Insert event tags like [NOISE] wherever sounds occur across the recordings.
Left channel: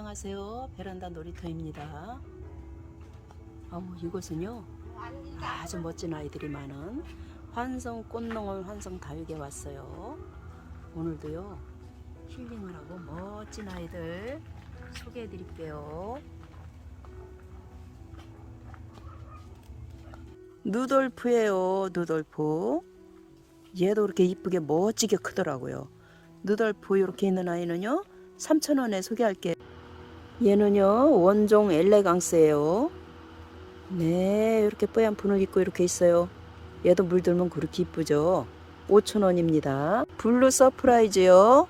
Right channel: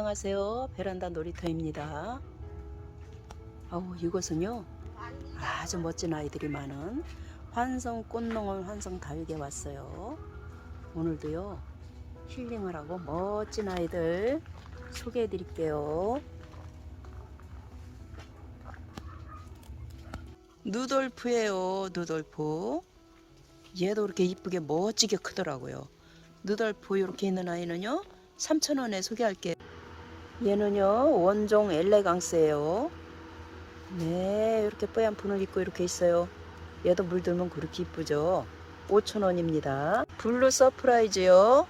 안녕하세요. 베란다 놀이터입니다. 아우 이곳은요 아주 멋진 아이들이 많은 환성 꽃농원 환성 다육에 왔어요. 오늘도요 힐링을 하고 멋진 아이들 소개해 드릴게요. 누돌프예요, 누돌프. 얘도 이렇게 이쁘게 멋지게 크더라고요. 누돌프 이렇게 있는 아이는요 3,000원에 소개할게요. 얘는요 원종 엘레강스예요. 네 이렇게 뽀얀 분을 입고 이렇게 있어요. 얘도 물들면 그렇게 이쁘죠. 5,000원입니다. 블루 서프라이즈요.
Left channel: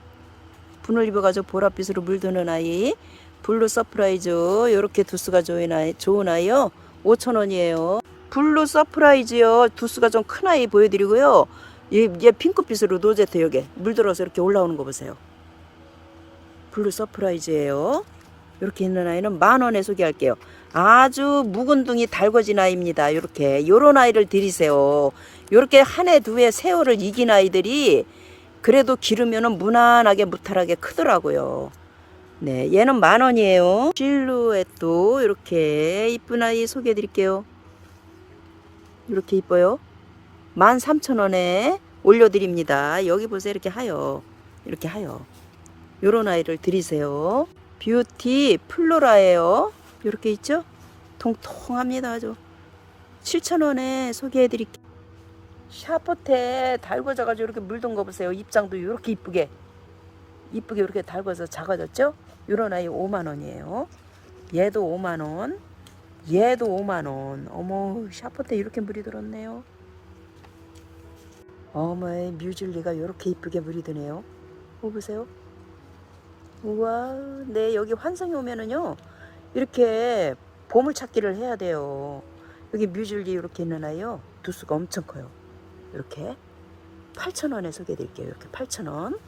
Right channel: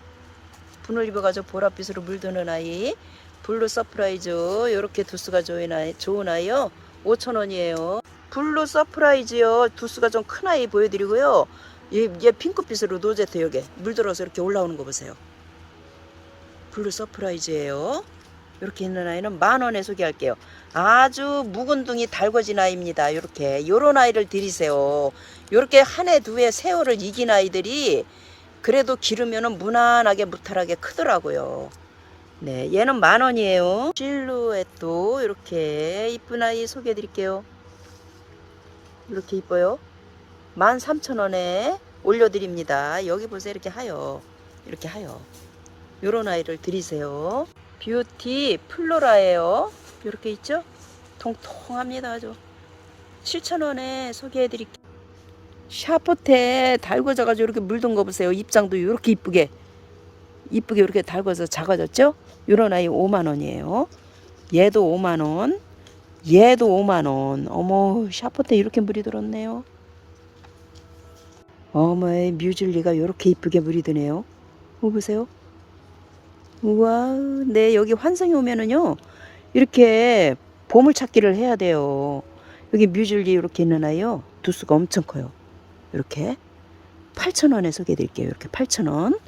분을 입어가지고 보랏빛으로 물드는 아이. 블루 서프라이즈 이렇게 두수가 좋은 아이, 좋은 아이요. 5,000원이에요. 블루 서프라이즈요. 두수가 좀 큰 아이 보여드리고요. 얘, 얘 핑크빛으로 노제트 여기 물들어서 이렇게 올라오는 거 보세요. 블루 서프라이즈예요. 이렇게 있는 아이는 만 원에 소개할게요. 아주 묵은둥이 달궈진 아이입니다. 이렇게 요런 아이를 들이세요. 이렇게 한 해 두 해 세월을 이긴 아이들이 그래도 기르면은 무난하게 무탈하게 크더라고요. 네, 얘는 만 원이에요. 실루엣도 이렇게 이쁜 아이 소개해 드릴게요. 이렇게 이뻐요. 13,000원에 올려드립니다. 여기 보세요. 이렇게 하여. 이렇게 하여. 요런 아이를 드리세요. 뷰티 플로라예요. 이렇게 있죠? 통통합니다. 아주. 7,000원에 소개해 드릴게요. 샤포테 달궈져 가지고 이렇게 물든 거 보세요. 입장도 이렇게 이쁘게. 이쁘게 이렇게 달궈서 작아졌죠? 요런 아이 5만 원이에요. 얘도 5만 원. 얘도 5만 원. 어머, 샤포테 이렇게 물이 들었네요. 어머의 뮤즐리가 이렇게 이쁘게 물이 드네요. 뭐 보세요. 우와, 네, 여기 환성이 오면은요, 이렇게 보물 찾기를 해야 돼요. 여기 뮤즐리 이렇게 있는 아이요. 두수가 엄청 커요. 이렇게. 8,000원에 소개해드릴게요. 이렇게 8,000원.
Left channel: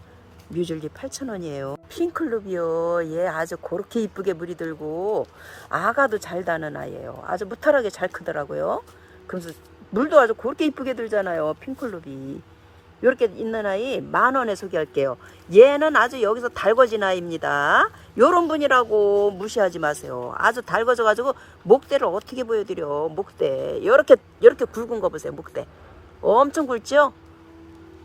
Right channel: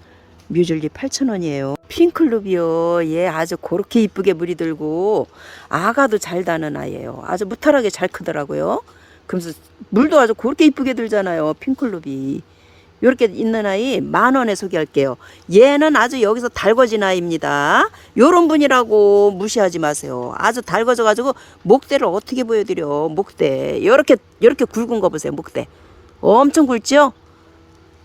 뮤즐리 8,000원이에요. 핑클루비요. 얘 아주 그렇게 이쁘게 물이 들고, 아가도 잘 다는 아이예요. 아주 무탈하게 잘 크더라고요. 그러면서 물도 아주 그렇게 이쁘게 들잖아요. 핑클루비. 이렇게 있는 아이 만 원에 소개할게요. 얘는 아주 여기서 달궈진 아이입니다. 요런 분이라고 무시하지 마세요. 아주 달궈져 가지고 목대를 어떻게 보여드려? 목대. 이렇게 이렇게 굵은 거 보세요. 목대. 엄청 굵죠?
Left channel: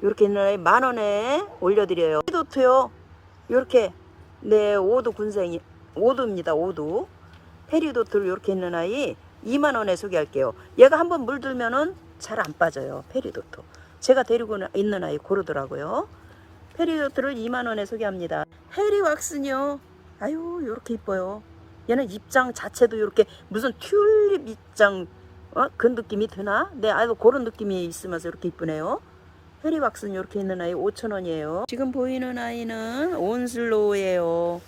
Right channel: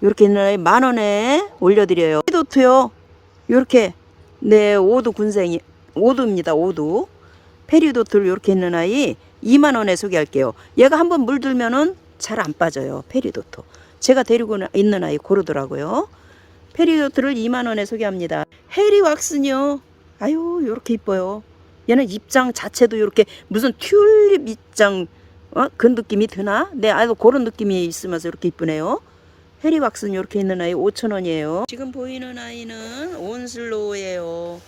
이렇게 있는 아이 만 원에 올려드려요. 페리도트요. 이렇게 네 오두 군생이 오두입니다. 오두. 페리도트를 이렇게 있는 아이 2만 원에 소개할게요. 얘가 한번 물들면은 잘 안 빠져요. 페리도트. 제가 데리고 있는 아이 고르더라고요. 페리도트를 2만 원에 소개합니다. 해리 왁슨요. 아유, 요렇게 이뻐요. 얘는 입장 자체도 이렇게 무슨 튤립 입장 어? 그 느낌이 드나? 네, 아유 그런 느낌이 있으면서 이렇게 이쁘네요. 해리 왁슨 이렇게 있는 아이 5,000원이에요. 지금 보이는 아이는 온슬로우예요.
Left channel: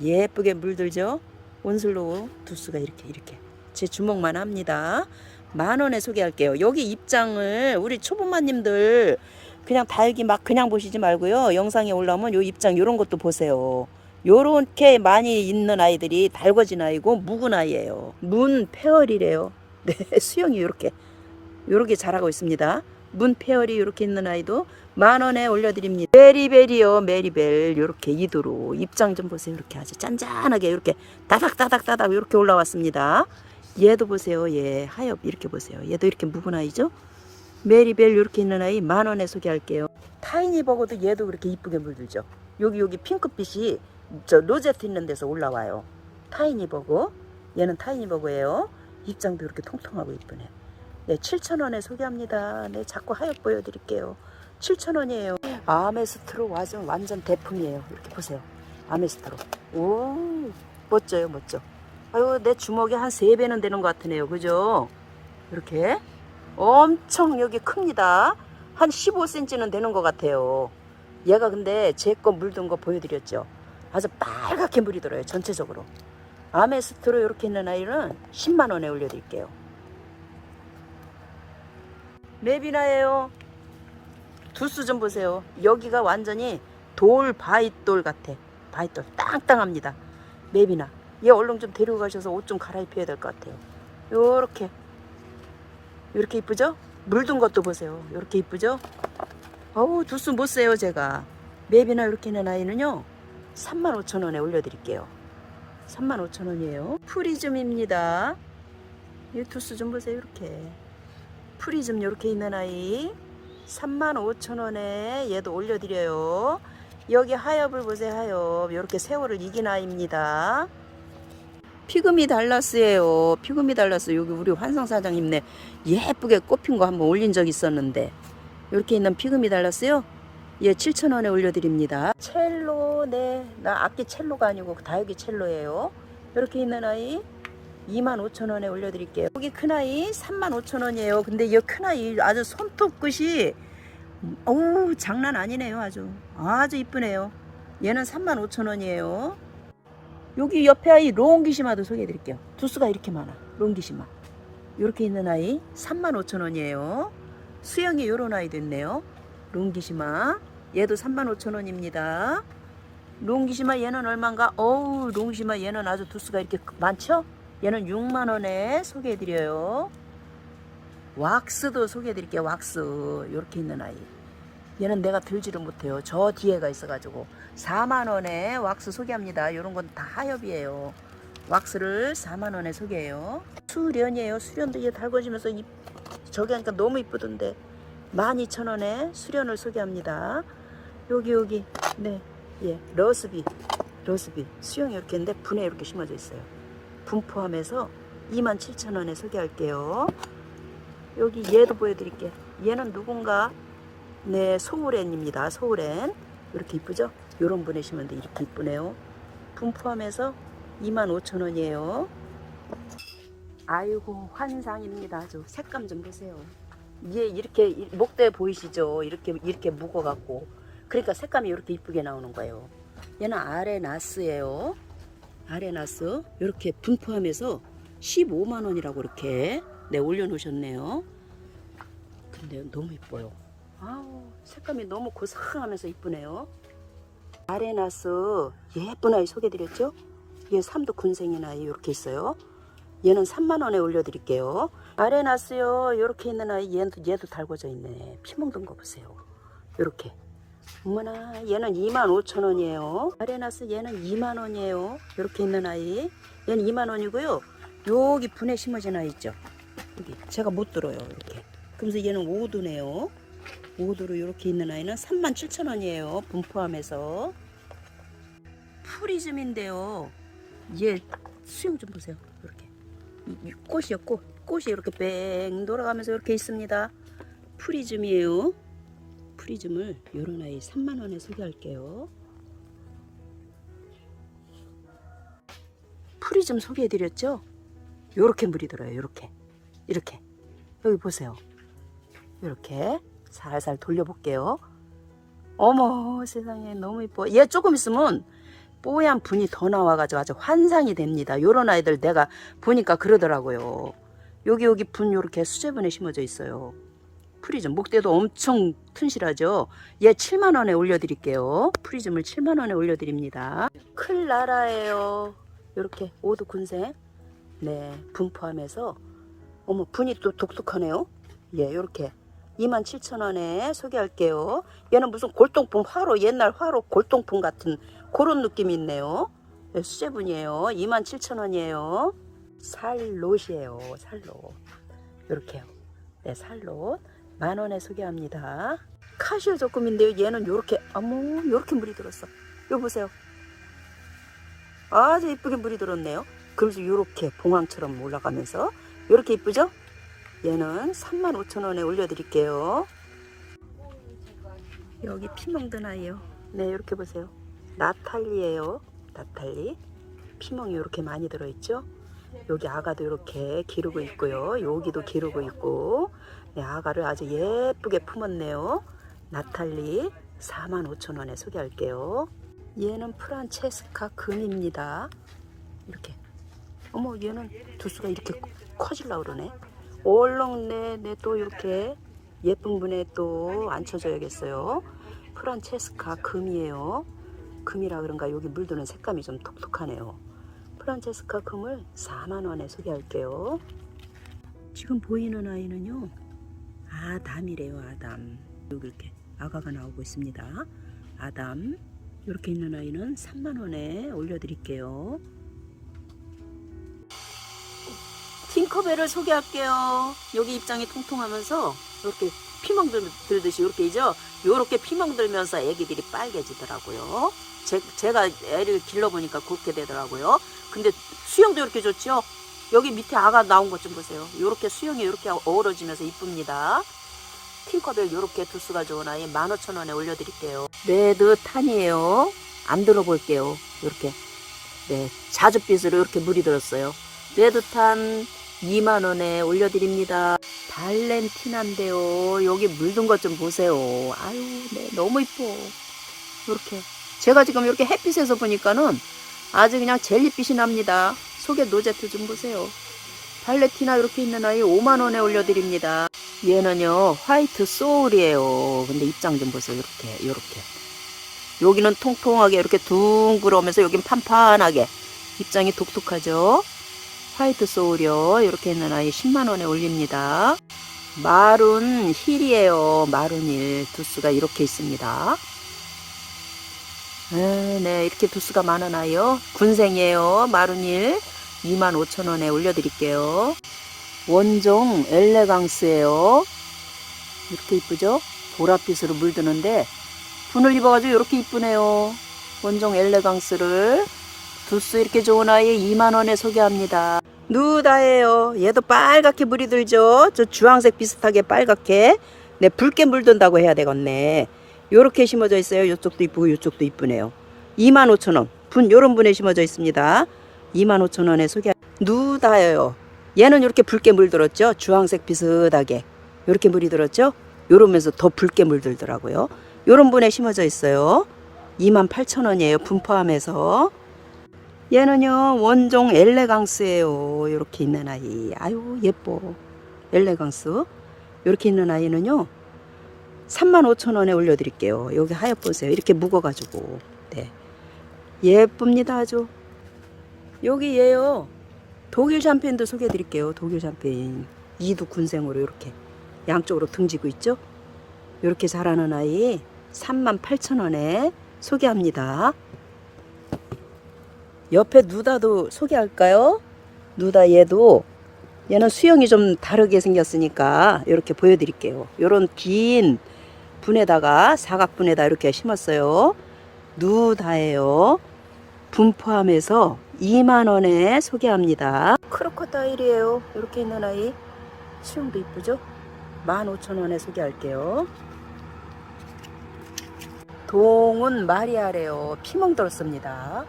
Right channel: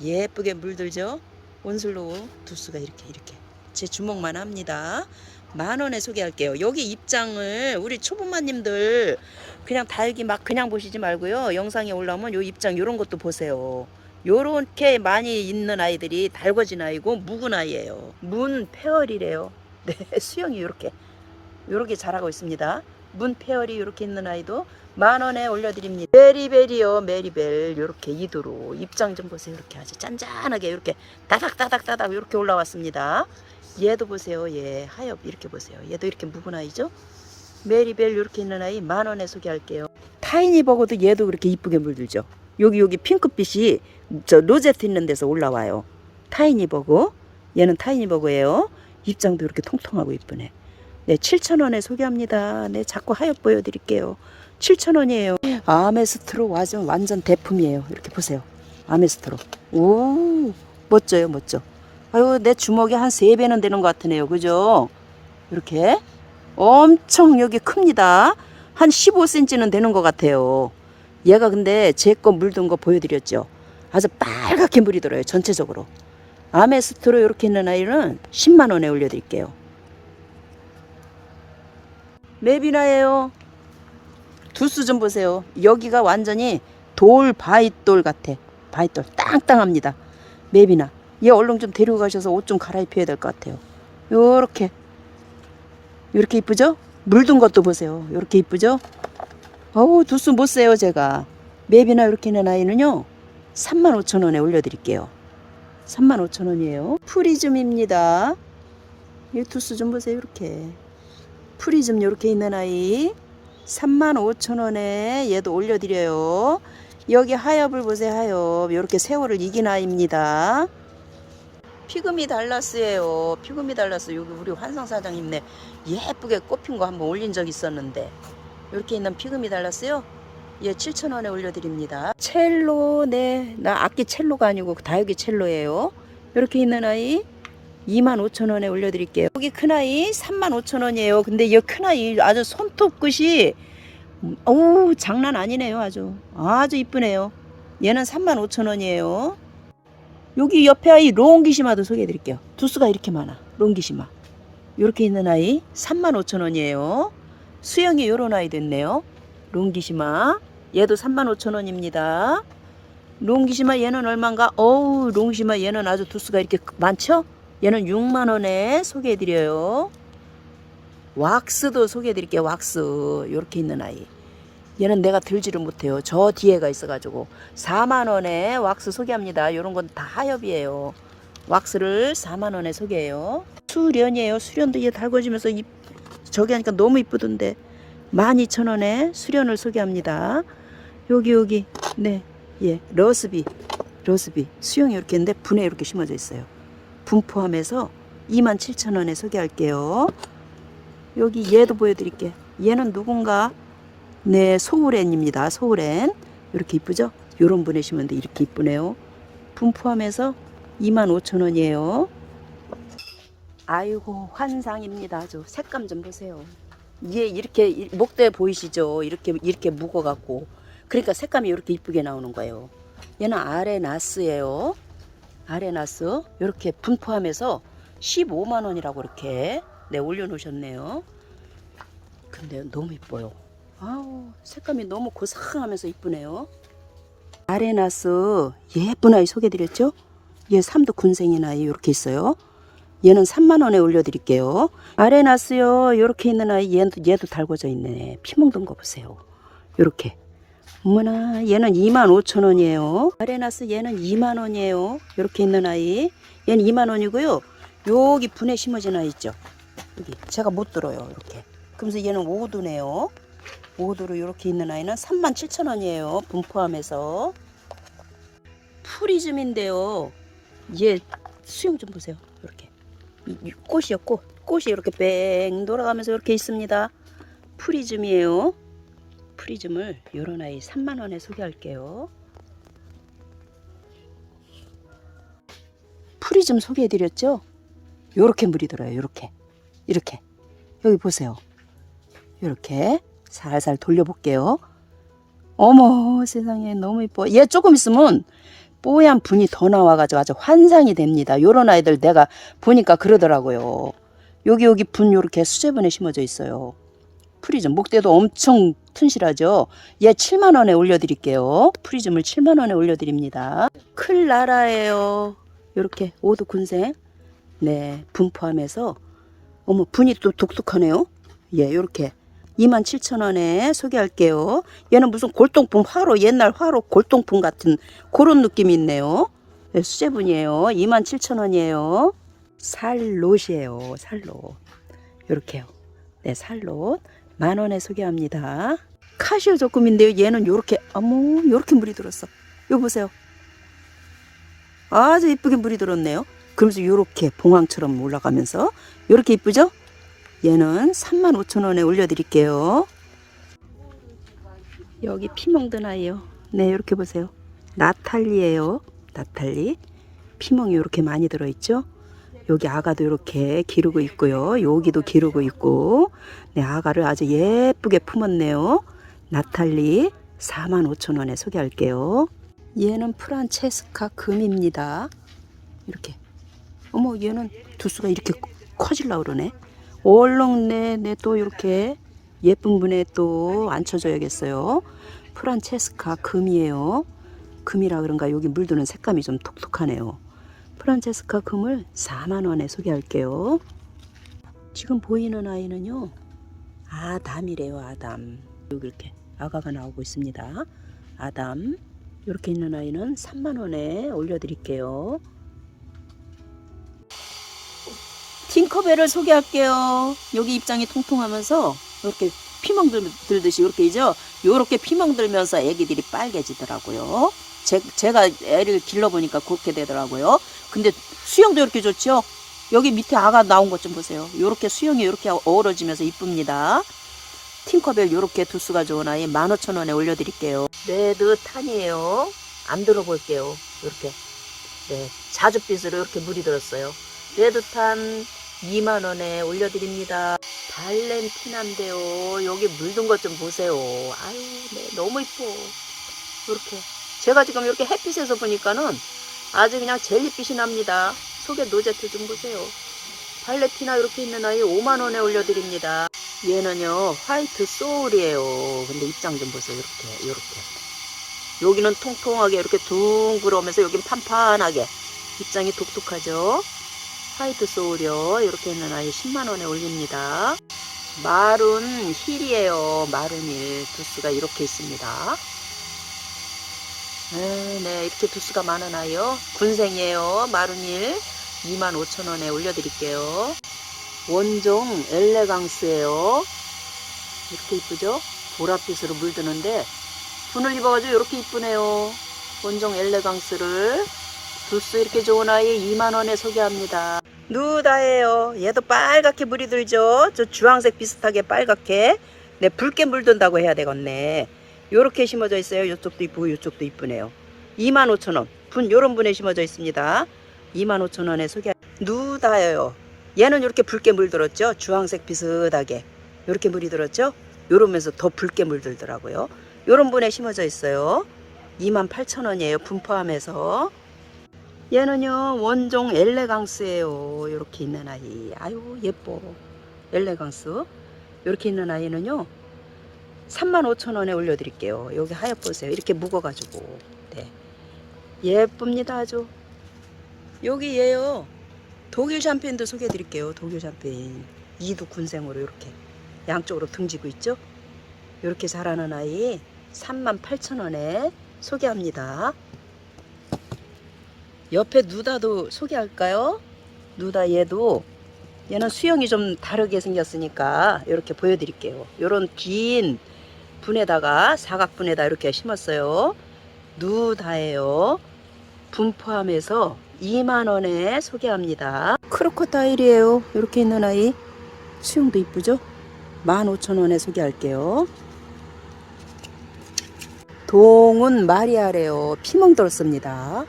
예쁘게 물들죠? 온슬로우 두수가 이렇게 이렇게 제 주먹만 합니다. 만 원에 소개할게요. 여기 입장을 우리 초보마님들 그냥 달기 막 그냥 보시지 말고요. 영상에 올라오면 요 입장 요런 것도 보세요. 요렇게 많이 있는 아이들이 달궈진 아이고 묵은 아이예요. 문 페어리래요. [LAUGHS] 네, 수영이 요렇게 요렇게 자라고 있습니다. 문 페어리 요렇게 있는 아이도 만 원에 올려드립니다. 메리벨이요, 메리벨 요렇게 이도로 입장 좀 보세요. 이렇게 아주 짠짠하게 이렇게 다닥다닥 다닥 이렇게 올라왔습니다. 얘도 보세요. 얘 하엽 이렇게 보세요. 얘도 이렇게 묵은 아이죠. 메리벨 이렇게 있는 아이 만 원에 소개할게요. 타이니 버거도 얘도 그렇게 이쁘게 물들죠. 여기 여기 핑크빛이 저 로제트 있는 데서 올라와요. 타이니 버거. 얘는 타이니 버거예요. 입장도 이렇게 통통하고 이쁘네. 네, 7,000원에 소개합니다. 네, 자꾸 하엽 보여드릴게요. 7,000원이에요. 아메스트로 완전, 완전 대품이에요. 이렇게 보세요. 아메스트로. 오, 멋져요, 멋져. 아유, 내 주먹이 한 세배는 되는 것 같으네요. 그죠? 이렇게. 엄청 여기 큽니다. 한 15cm는 되는 것 같아요. 얘가 근데 제 거 물든 거 보여드렸죠. 아주 빨갛게 물이 들어요. 전체적으로. 아메스트로 이렇게 있는 아이는 10만 원에 올려드릴게요. 맵이나예요. 두수 좀 보세요. 여기가 완전히 돌 바위돌 같아. 바위돌 땅땅합니다. 맵이나. 얘 얼른 좀 데리고 가셔서 옷 좀 갈아입혀야 될 것 같아요. 요렇게. 요렇게 이쁘죠? 물든 것도 보세요. 요렇게 이쁘죠? 어우, 두수 못 세요, 제가. 맵이나 이렇게 있는 아이는요, 35,000원에 올려드릴게요. 35,000원이에요. 프리즘입니다. 이 두수 좀 보세요. 이렇게. 프리즘 이렇게 있는 아이 35,000원에 얘도 올려드려요. 여기 하엽을 보세요. 하엽. 이렇게 세월을 이긴 아이입니다. 피그미 달라스예요. 피그미 달라스 여기 우리 환성 사장님네 예쁘게 꽃핀 거 한번 올린 적 있었는데 이렇게 있는 피그미 달라스요. 예, 7,000원에 올려드립니다. 첼로, 네, 나 악기 첼로가 아니고 다육이 첼로예요. 이렇게 있는 아이 25,000원에 올려드릴게요. 여기 큰 아이 35,000원이에요. 근데 이 큰 아이 아주 손톱 끝이 오 장난 아니네요. 아주 아주 이쁘네요. 얘는 35,000원이에요. 여기 옆에 아이 롱기시마도 소개해 드릴게요. 두수가 이렇게 많아. 롱기시마. 이렇게 있는 아이 35,000원이에요. 수영이 요런 아이 됐네요. 롱기시마. 얘도 35,000원입니다. 롱기시마 얘는 얼마인가? 어우 롱기시마 얘는 아주 두수가 이렇게 많죠? 얘는 6만원에 소개해 드려요. 왁스도 소개해 드릴게요. 왁스 이렇게 있는 아이. 얘는 내가 들지를 못해요. 저 뒤에가 있어가지고 4만 원에 왁스 소개합니다. 이런 건 다 하엽이에요. 왁스를 4만 원에 소개해요. 수련이에요. 수련도 이게 달궈지면서 이, 저기 하니까 너무 이쁘던데 12,000원에 수련을 소개합니다. 여기 여기 네, 예, 러스비, 러스비 수영이 이렇게 있는데 분에 이렇게 심어져 있어요. 분 포함해서 27,000원에 소개할게요. 여기 얘도 보여드릴게. 얘는 누군가 네, 소울엔입니다. 소울엔. 이렇게 이쁘죠? 요런 분에 심는데 이렇게 이쁘네요. 분 포함해서 25,000원이에요. 아이고, 환상입니다. 아주 색감 좀 보세요. 얘 이렇게 이- 목대 보이시죠? 이렇게 이렇게 묵어 갖고. 그러니까 색감이 이렇게 이쁘게 나오는 거예요. 얘는 아레나스예요. 아레나스. 이렇게 분 포함해서 15만 원이라고 이렇게 네, 올려 놓으셨네요. 근데 너무 이뻐요. 아우 색감이 너무 고상하면서 이쁘네요. 아레나스 예쁜 아이 소개드렸죠? 얘 삼도 군생인 아이 이렇게 있어요. 얘는 3만 원에 올려드릴게요. 아레나스요 이렇게 있는 아이 얘도 얘도 달궈져 있네. 피 묻은 거 보세요. 이렇게. 어머나 얘는 2만 5천 원이에요. 아레나스 얘는 2만 원이에요. 이렇게 있는 아이 얘는 2만 원이고요. 여기 분에 심어진 아이 있죠? 여기 제가 못 들어요 이렇게. 그러면서 얘는 오두네요. 오도로 이렇게 있는 아이는 37,000원이에요. 분 포함해서. 프리즘인데요. 얘 수영 좀 보세요. 이렇게. 꽃이요, 꽃. 꽃이 이렇게 뺑 돌아가면서 이렇게 있습니다. 프리즘이에요. 프리즘을 요런 아이 3만원에 소개할게요. 프리즘 소개해드렸죠? 요렇게 물이 들어요. 요렇게. 이렇게. 여기 보세요. 요렇게. 살살 돌려볼게요. 어머 세상에 너무 이뻐. 얘 조금 있으면 뽀얀 분이 더 나와가지고 아주 환상이 됩니다. 요런 아이들 내가 보니까 그러더라고요. 여기 여기 분 요렇게 수제분에 심어져 있어요. 프리즘 목대도 엄청 튼실하죠. 얘 7만 원에 올려드릴게요. 프리즘을 7만 원에 올려드립니다. 클라라예요. 요렇게 오도 군생 네 분 포함해서 어머 분이 또 독특하네요. 예 요렇게 27,000원에 소개할게요. 얘는 무슨 골동품 화로 옛날 화로 골동품 같은 그런 느낌이 있네요. 네, 수제분이에요. 27,000원이에요. 살롯이에요. 살롯. 이렇게요. 네, 살롯. 만 원에 소개합니다. 카시오 조금인데요. 얘는 요렇게 어머 요렇게 물이 들었어. 이거 보세요. 아주 이쁘게 물이 들었네요. 그러면서 요렇게 봉황처럼 올라가면서 요렇게 이쁘죠? 얘는 35,000원에 올려드릴게요. 여기 피멍든 아이요. 네, 이렇게 보세요. 나탈리예요. 나탈리. 피멍이 이렇게 많이 들어있죠? 여기 아가도 이렇게 기르고 있고요. 여기도 기르고 있고. 네, 아가를 아주 예쁘게 품었네요. 나탈리 45,000원에 소개할게요. 얘는 프란체스카 금입니다. 이렇게. 어머, 얘는 두수가 이렇게 커질라 그러네. 얼렁 네네 또 이렇게 예쁜 분에 또 앉혀줘야겠어요. 프란체스카 금이에요. 금이라 그런가 여기 물드는 색감이 좀 독특하네요. 프란체스카 금을 4만 원에 소개할게요. 지금 보이는 아이는요. 아담이래요. 아담. 여기 이렇게 아가가 나오고 있습니다. 아담. 이렇게 있는 아이는 3만 원에 올려드릴게요. 팅커벨을 소개할게요. 여기 입장이 통통하면서 이렇게 피멍 들- 들듯이 이렇게 이죠. 이렇게 피멍 들면서 애기들이 빨개지더라고요. 제, 제가 애를 길러보니까 그렇게 되더라고요. 근데 수영도 이렇게 좋죠. 여기 밑에 아가 나온 것 좀 보세요. 이렇게 수영이 이렇게 어우러지면서 이쁩니다. 팅커벨 이렇게 두수가 좋은 아이 15,000원에 올려드릴게요. 레드 탄이에요. 안 들어볼게요. 이렇게. 네, 자줏빛으로 이렇게 물이 들었어요. 레드 탄 2만원에 올려드립니다. 발렌티나인데요. 여기 물든 것 좀 보세요. 아유, 네, 너무 이뻐. 이렇게. 제가 지금 이렇게 햇빛에서 보니까는 아주 그냥 젤리빛이 납니다. 속에 노제트 좀 보세요. 발레티나 이렇게 있는 아이 5만원에 올려드립니다. 얘는요, 화이트 소울이에요. 근데 입장 좀 보세요. 이렇게, 이렇게. 여기는 통통하게 이렇게 둥그러면서 여긴 판판하게. 입장이 독특하죠? 화이트 소울이요. 이렇게 있는 아이 10만원에 올립니다. 마룬 힐이에요. 마룬 힐. 두수가 이렇게 있습니다. 네, 네, 이렇게 두수가 많은 아이요. 군생이에요. 마룬 힐. 25,000원에 올려드릴게요. 원종 엘레강스예요. 이렇게 이쁘죠? 보랏빛으로 물드는데 분을 입어가지고 이렇게 이쁘네요. 원종 엘레강스를 두수 이렇게 좋은 아이에 2만원에 소개합니다. 누다예요. 얘도 빨갛게 물이 들죠? 저 주황색 비슷하게 빨갛게. 네, 붉게 물든다고 해야 되겠네. 요렇게 심어져 있어요. 요쪽도 이쁘고 요쪽도 이쁘네요. 25,000원. 분, 요런 분에 심어져 있습니다. 25,000원에 소개. 누다예요. 얘는 이렇게 붉게 물들었죠? 주황색 비슷하게. 요렇게 물이 들었죠? 요러면서 더 붉게 물들더라고요. 요런 분에 심어져 있어요. 28,000원이에요. 분 포함해서. 얘는요 원종 엘레강스예요. 이렇게 있는 아이. 아유 예뻐. 엘레강스. 이렇게 있는 아이는요 35,000원에 올려드릴게요. 여기 하얗 보세요. 이렇게 묵어가지고. 네. 예쁩니다 아주. 여기 얘요 독일 샴페인도 소개해드릴게요. 독일 샴페인. 이두 군생으로 이렇게 양쪽으로 등지고 있죠? 이렇게 자라는 아이 38,000원에 소개합니다 옆에 누다도 소개할까요? 누다 얘도 얘는 수영이 좀 다르게 생겼으니까 이렇게 보여드릴게요. 이런 긴 분에다가 사각분에다 이렇게 심었어요. 누다예요. 분 포함해서 2만원에 소개합니다. 크로커다일이에요. 이렇게 있는 아이. 수영도 이쁘죠? 15,000원에 소개할게요. 동은 마리아래요. 피멍 들었습니다.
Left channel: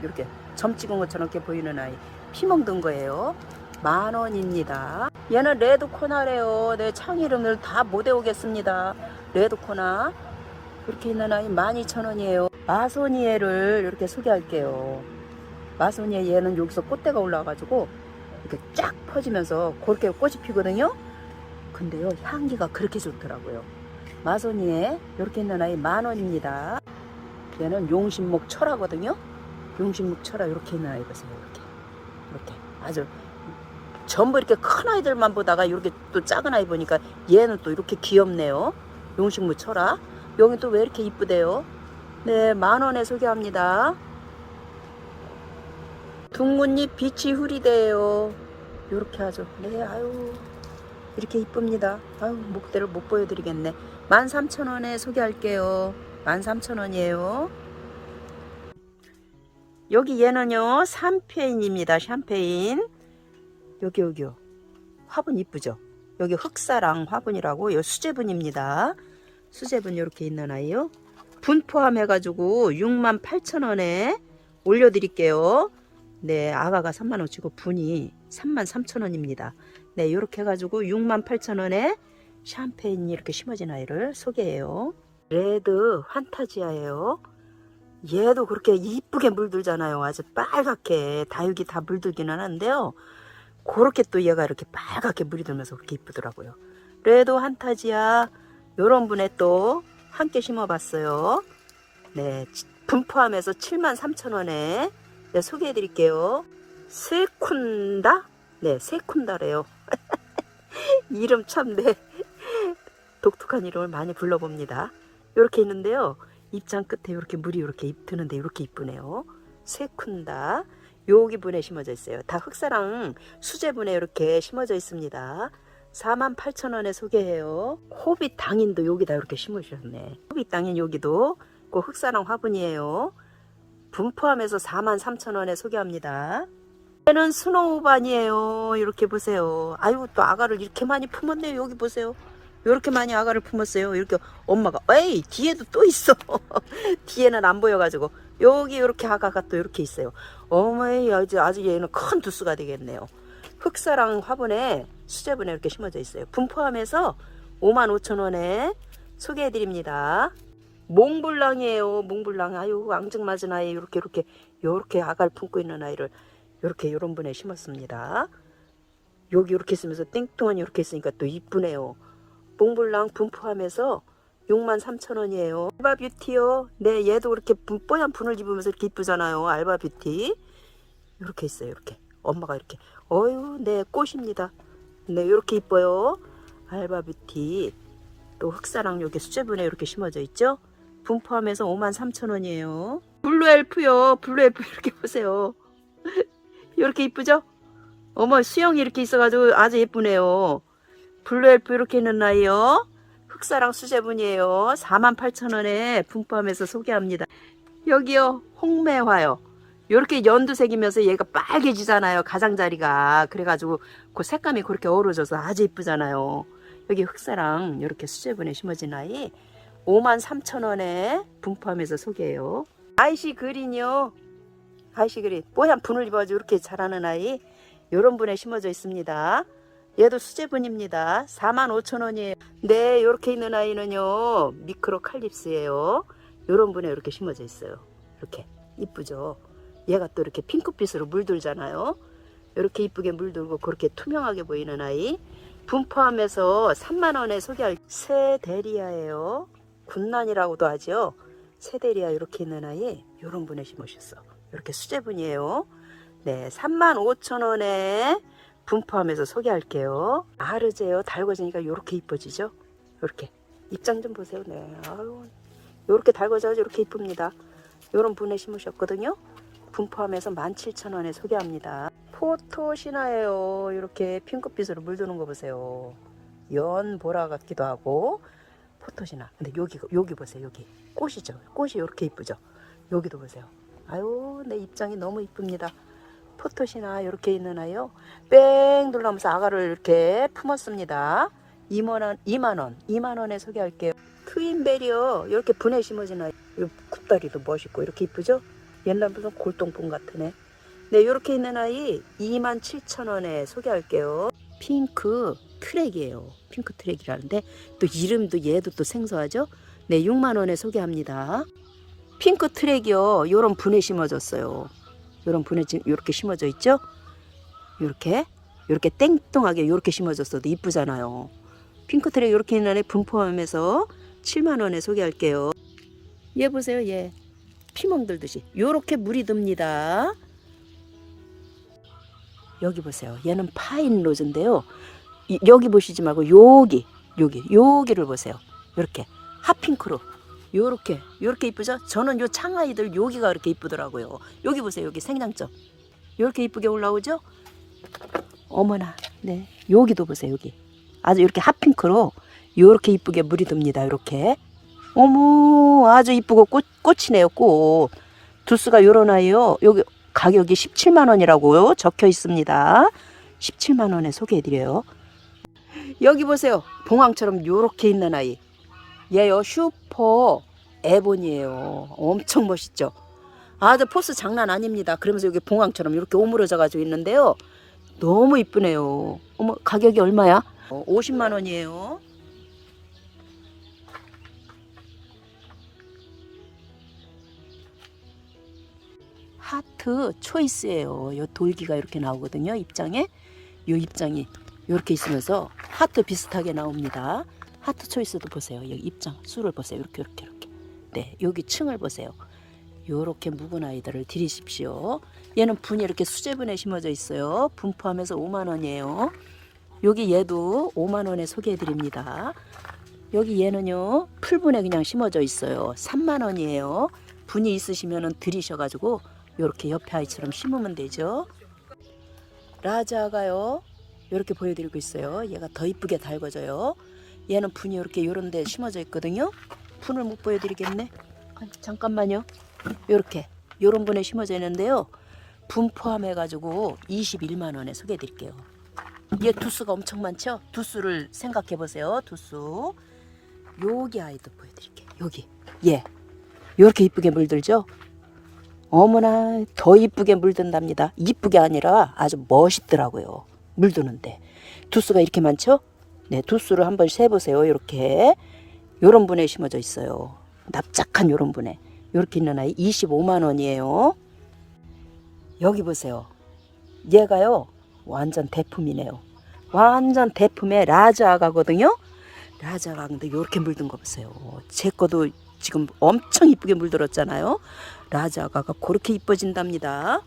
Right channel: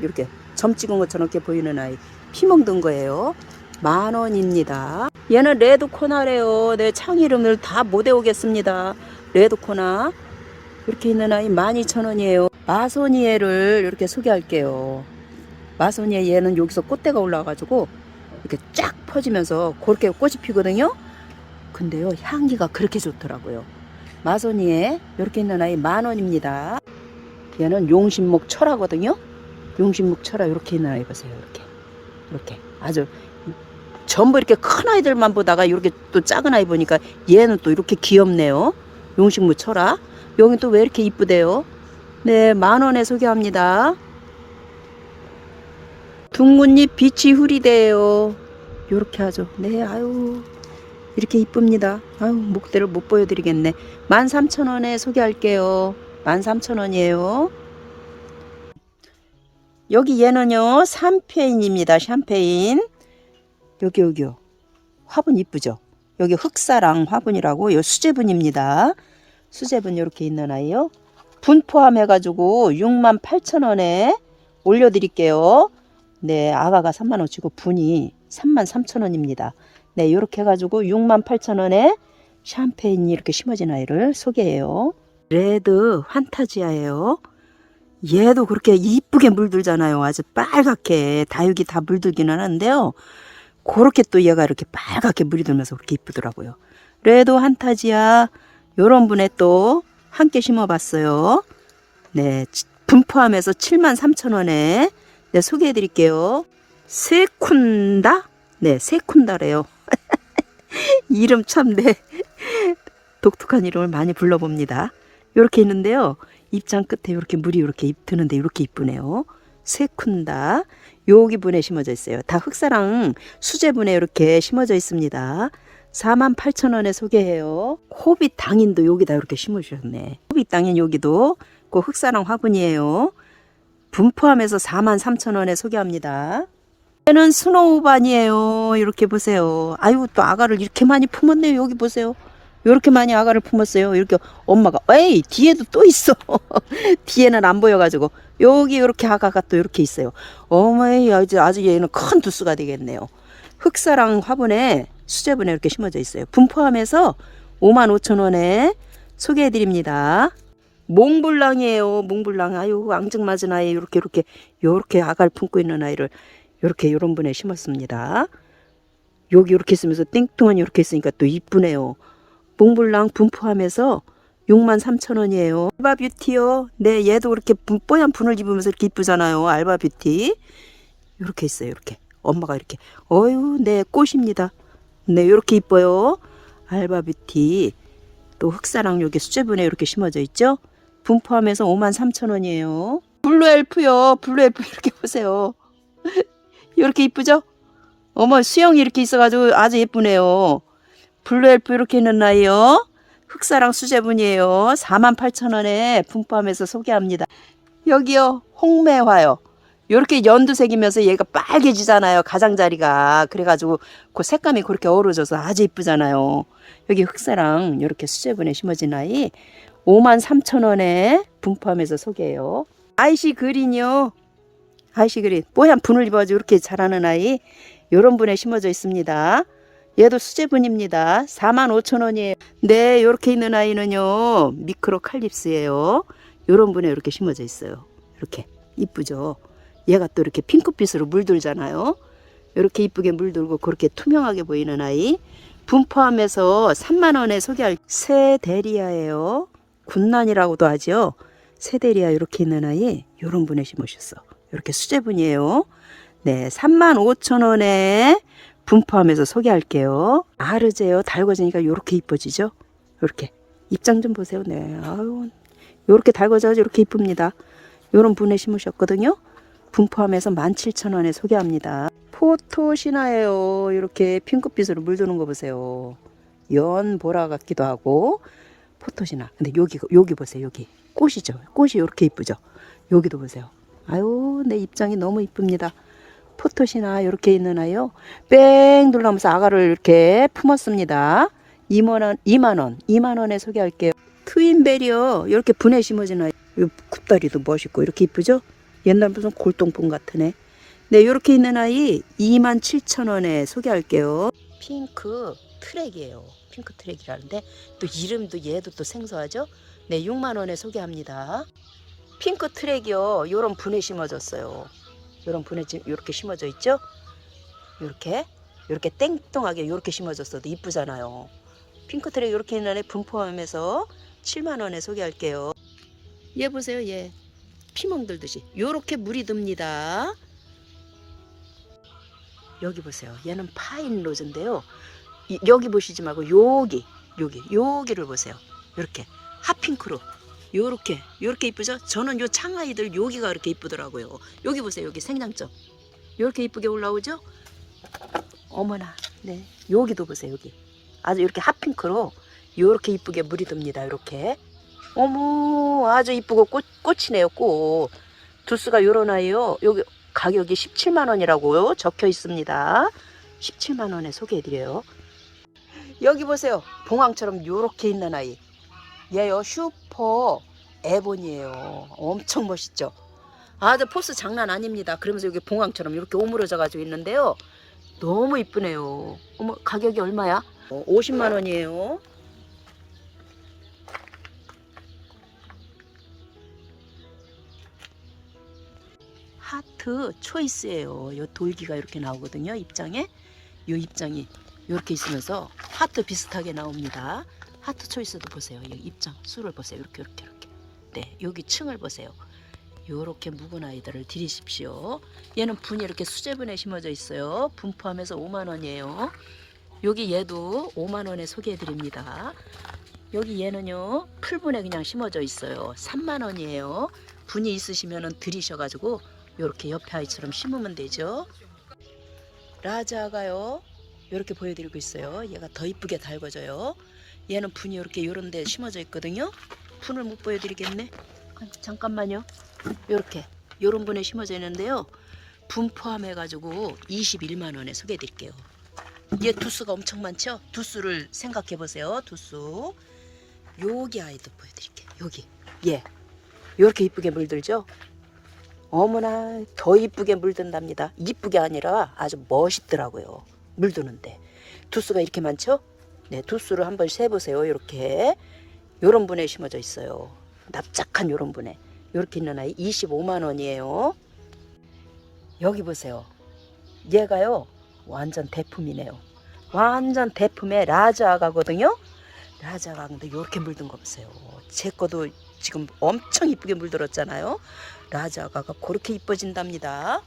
이렇게 점 찍은 것처럼 이렇게 보이는 아이 피멍 든 거예요. 만 원입니다. 얘는 레드 코나래요. 내 창 이름을 다 못 외우겠습니다. 레드 코나 이렇게 있는 아이 12,000원이에요. 마소니에를 이렇게 소개할게요. 마소니에 얘는 여기서 꽃대가 올라와가지고 이렇게 쫙 퍼지면서 그렇게 꽃이 피거든요. 근데요 향기가 그렇게 좋더라고요. 마소니에 이렇게 있는 아이 만 원입니다. 얘는 용신목 철하거든요. 용신목 철화 이렇게 아이 보세요. 이렇게 이렇게 아주 전부 이렇게 큰 아이들만 보다가 이렇게 또 작은 아이 보니까 얘는 또 이렇게 귀엽네요. 용신목 철화 여기 또 왜 이렇게 이쁘대요? 네, 만 원에 소개합니다. 둥근잎 빛이 흐리대요. 이렇게 하죠. 네, 아유 이렇게 이쁩니다. 아유 목대를 못 보여드리겠네. 13,000원에 소개할게요. 13,000원이에요. 여기 얘는요 샴페인입니다 샴페인. 여기 여기요 화분 이쁘죠? 여기 흑사랑 화분이라고 요 수제분입니다. 수제분 이렇게 있는 아이요. 분 포함해 가지고 68,000원에 올려드릴게요. 네 아가가 3만 원치고 분이 33,000원입니다. 네 이렇게 해가지고 68,000원에 샴페인이 이렇게 심어진 아이를 소개해요. 레드 환타지아예요 얘도 그렇게 이쁘게 물들잖아요. 아주 빨갛게 다육이 다 물들기는 하는데요. 그렇게 또 얘가 이렇게 빨갛게 물이 들면서 그렇게 이쁘더라고요. 레도 한타지아 요런 분에 또 함께 심어봤어요. 네, 분 포함해서 73,000원에 네, 소개해드릴게요. 세쿤다? 네, 세쿤다래요. [LAUGHS] 이름 참 네. 독특한 이름을 많이 불러봅니다. 이렇게 있는데요. 입장 끝에 이렇게 물이 이렇게 드는데 이렇게 이쁘네요. 세쿤다. 여기 분에 심어져 있어요. 다 흑사랑 수제분에 이렇게 심어져 있습니다. 48,000원에 소개해요. 호빗 당인도 여기다 이렇게 심으셨네. 호빗 당인 여기도 그 흑사랑 화분이에요. 분포함에서 43,000원에 소개합니다. 얘는 스노우반이에요. 이렇게 보세요. 아유 또 아가를 이렇게 많이 품었네요. 여기 보세요. 이렇게 많이 아가를 품었어요. 이렇게 엄마가 에이 뒤에도 또 있어. [LAUGHS] 뒤에는 안 보여가지고 여기 이렇게 아가가 또 이렇게 있어요. 어머니 아주 아주 얘는 큰 두수가 되겠네요. 흑사랑 화분에 수제분에 이렇게 심어져 있어요. 분포함에서 55,000원에 소개해드립니다. 몽블랑이에요. 몽블랑. 아유 앙증맞은 아이 이렇게 이렇게 이렇게 아가를 품고 있는 아이를 이렇게 이런 분에 심었습니다. 여기 이렇게 있으면서 땡뚱한 이렇게 있으니까 또 이쁘네요. 몽블랑 분포함에서 63,000원이에요. 알바 뷰티요. 네, 얘도 그렇게 분- 뽀얀 분을 입으면서 이렇게 이쁘잖아요. 알바 뷰티. 이렇게 있어요. 이렇게. 엄마가 이렇게. 어유, 네, 꽃입니다. 네, 이렇게 이뻐요. 알바 뷰티. 또 흑사랑 여기 수제분에 이렇게 심어져 있죠. 분포함에서 53,000원이에요. 블루 엘프요. 블루 엘프 이렇게 보세요. [LAUGHS] 이렇게 이쁘죠? 어머, 수영이 이렇게 있어가지고 아주 예쁘네요. 블루 엘프 이렇게 있는 아이요. 흑사랑 수제분이에요. 48,000원에 분포함에서 소개합니다. 여기요. 홍매화요. 이렇게 연두색이면서 얘가 빨개지잖아요. 가장자리가. 그래가지고 그 색감이 그렇게 어우러져서 아주 이쁘잖아요. 여기 흑사랑 이렇게 수제분에 심어진 아이 53,000원에 분포함에서 소개해요. 아이시 그린이요. 아이시 그린. 뽀얀 분을 입어가지고 이렇게 자라는 아이 이런 분에 심어져 있습니다. 얘도 수제분입니다. 45,000원이에요. 네, 이렇게 있는 아이는요. 미크로 칼립스예요. 이런 분에 이렇게 심어져 있어요. 이렇게 이쁘죠. 얘가 또 이렇게 핑크빛으로 물들잖아요. 이렇게 이쁘게 물들고 그렇게 투명하게 보이는 아이. 분 포함에서 3만 원에 소개할 세데리아예요. 군난이라고도 하죠. 세데리아 이렇게 있는 아이 이런 분에 심으셨어. 이렇게 수제분이에요. 네, 3만 5천 원에 분포함에서 소개할게요. 아르제요. 달궈지니까 이렇게 이뻐지죠? 이렇게 입장 좀 보세요. 네, 아유, 이렇게 달궈져서 이렇게 이쁩니다. 이런 분에 심으셨거든요. 분포함에서 17,000원에 소개합니다. 포토시나예요. 이렇게 핑크빛으로 물드는 거 보세요. 연 보라 같기도 하고 포토시나. 근데 여기 여기 보세요. 여기 꽃이죠. 꽃이 이렇게 이쁘죠. 여기도 보세요. 아유, 내 입장이 너무 이쁩니다. 포토시나 이렇게 있는 아이요. 뺑 눌러면서 아가를 이렇게 품었습니다. 2만 원, 2만 원, 2만 원에 소개할게요. 트윈베리어 이렇게 분해 심어진 아이. 이 굽다리도 멋있고 이렇게 이쁘죠? 옛날 무슨 골동품 애. 네, 이렇게 있는 아이 2만 7천 원에 소개할게요. 핑크 트랙이에요. 핑크 트랙이라는데 또 이름도 얘도 또 생소하죠? 네, 6만 원에 소개합니다. 핑크 트랙이요. 요런 분에 심어졌어요. 요런 분에 지- 요렇게 심어져 있죠? 요렇게 요렇게 땡뚱하게 요렇게 심어졌어도 이쁘잖아요. 핑크 트랙 요렇게 있는 애 분포함에서 7만 원에 소개할게요. 얘 보세요, 얘. 피멍 들듯이 요렇게 물이 듭니다. 여기 보세요. 얘는 파인 로즈인데요. 이- 여기 보시지 말고 여기, 여기, 여기를 보세요. 이렇게 핫핑크로 요렇게 요렇게 이쁘죠? 저는 요 창아이들 여기가 이렇게 이쁘더라고요. 여기 보세요. 여기 생장점. 요렇게 이쁘게 올라오죠? 어머나. 네. 여기도 보세요. 여기. 아주 이렇게 핫핑크로 요렇게 이쁘게 물이 듭니다. 이렇게. 어머, 아주 이쁘고 꽃 꽃이네요. 꽃. 두수가 요런 아이요. 여기 가격이 17만 원이라고요. 적혀 있습니다. 17만 원에 소개해 드려요. 여기 보세요. 봉황처럼 요렇게 있는 아이. 얘요 슈퍼 에본이에요. 엄청 멋있죠. 아주 포스 장난 아닙니다. 그러면서 여기 봉황처럼 이렇게 오므려져 가지고 있는데요. 너무 이쁘네요. 어머 가격이 얼마야? 어, 50만 원이에요. 하트 초이스예요. 요 돌기가 이렇게 나오거든요. 입장에 요 입장이 이렇게 있으면서 하트 비슷하게 나옵니다. 하트 초이스도 보세요. 여기 입장 수를 보세요. 이렇게 이렇게 이렇게. 네, 여기 층을 보세요. 요렇게 묵은 아이들을 들이십시오. 얘는 분이 이렇게 수제분에 심어져 있어요. 분 포함에서 5만 원이에요. 여기 얘도 5만 원에 소개해 드립니다. 여기 얘는요. 풀분에 그냥 심어져 있어요. 3만 원이에요. 분이 있으시면은 들이셔 가지고 이렇게 옆에 아이처럼 심으면 되죠. 라자가요. 이렇게 보여드리고 있어요. 얘가 더 이쁘게 달궈져요. 얘는 분이 이렇게 요런 데 심어져 있거든요. 분을 못 보여드리겠네. 아, 잠깐만요. 요렇게 요런 분에 심어져 있는데요. 분 포함해가지고 21만 원에 소개해드릴게요. 얘 두수가 엄청 많죠? 두수를 생각해 보세요. 두수. 여기 아이도 보여드릴게요. 여기. 예. 요렇게 이쁘게 물들죠? 어머나 더 이쁘게 물든답니다. 이쁘게 아니라 아주 멋있더라고요. 물드는데 두수가 이렇게 많죠? 네, 두수를 한번 세보세요. 이렇게 요런 분에 심어져 있어요. 납작한 요런 분에 이렇게 있는 아이 25만 원이에요. 여기 보세요. 얘가요 완전 대품이네요. 완전 대품의 라자 아가거든요. 라자가 근데 이렇게 물든 거 보세요. 제 거도 지금 엄청 이쁘게 물들었잖아요. 라자가가 그렇게 이뻐진답니다.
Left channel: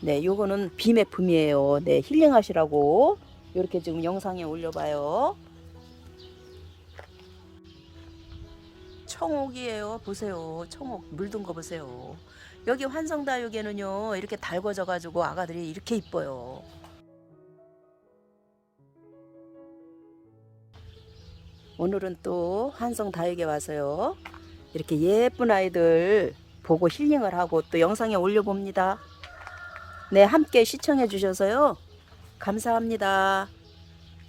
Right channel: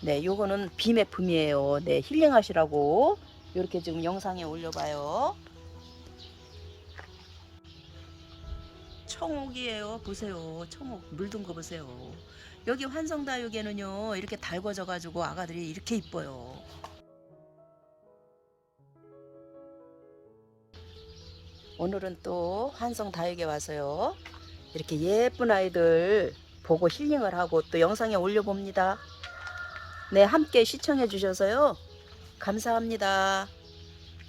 네, 요거는 비매품이에요. 네, 힐링하시라고 이렇게 지금 영상에 올려봐요. 청옥이에요. 보세요. 청옥 물든 거 보세요. 여기 환성다육에는요 이렇게 달궈져 가지고 아가들이 이렇게 이뻐요. 오늘은 또 한성다육에 와서요 이렇게 예쁜 아이들 보고 힐링을 하고 또 영상에 올려봅니다. 네 함께 시청해 주셔서요 감사합니다.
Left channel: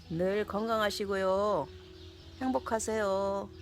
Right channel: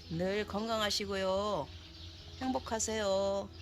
늘 건강하시고요 행복하세요.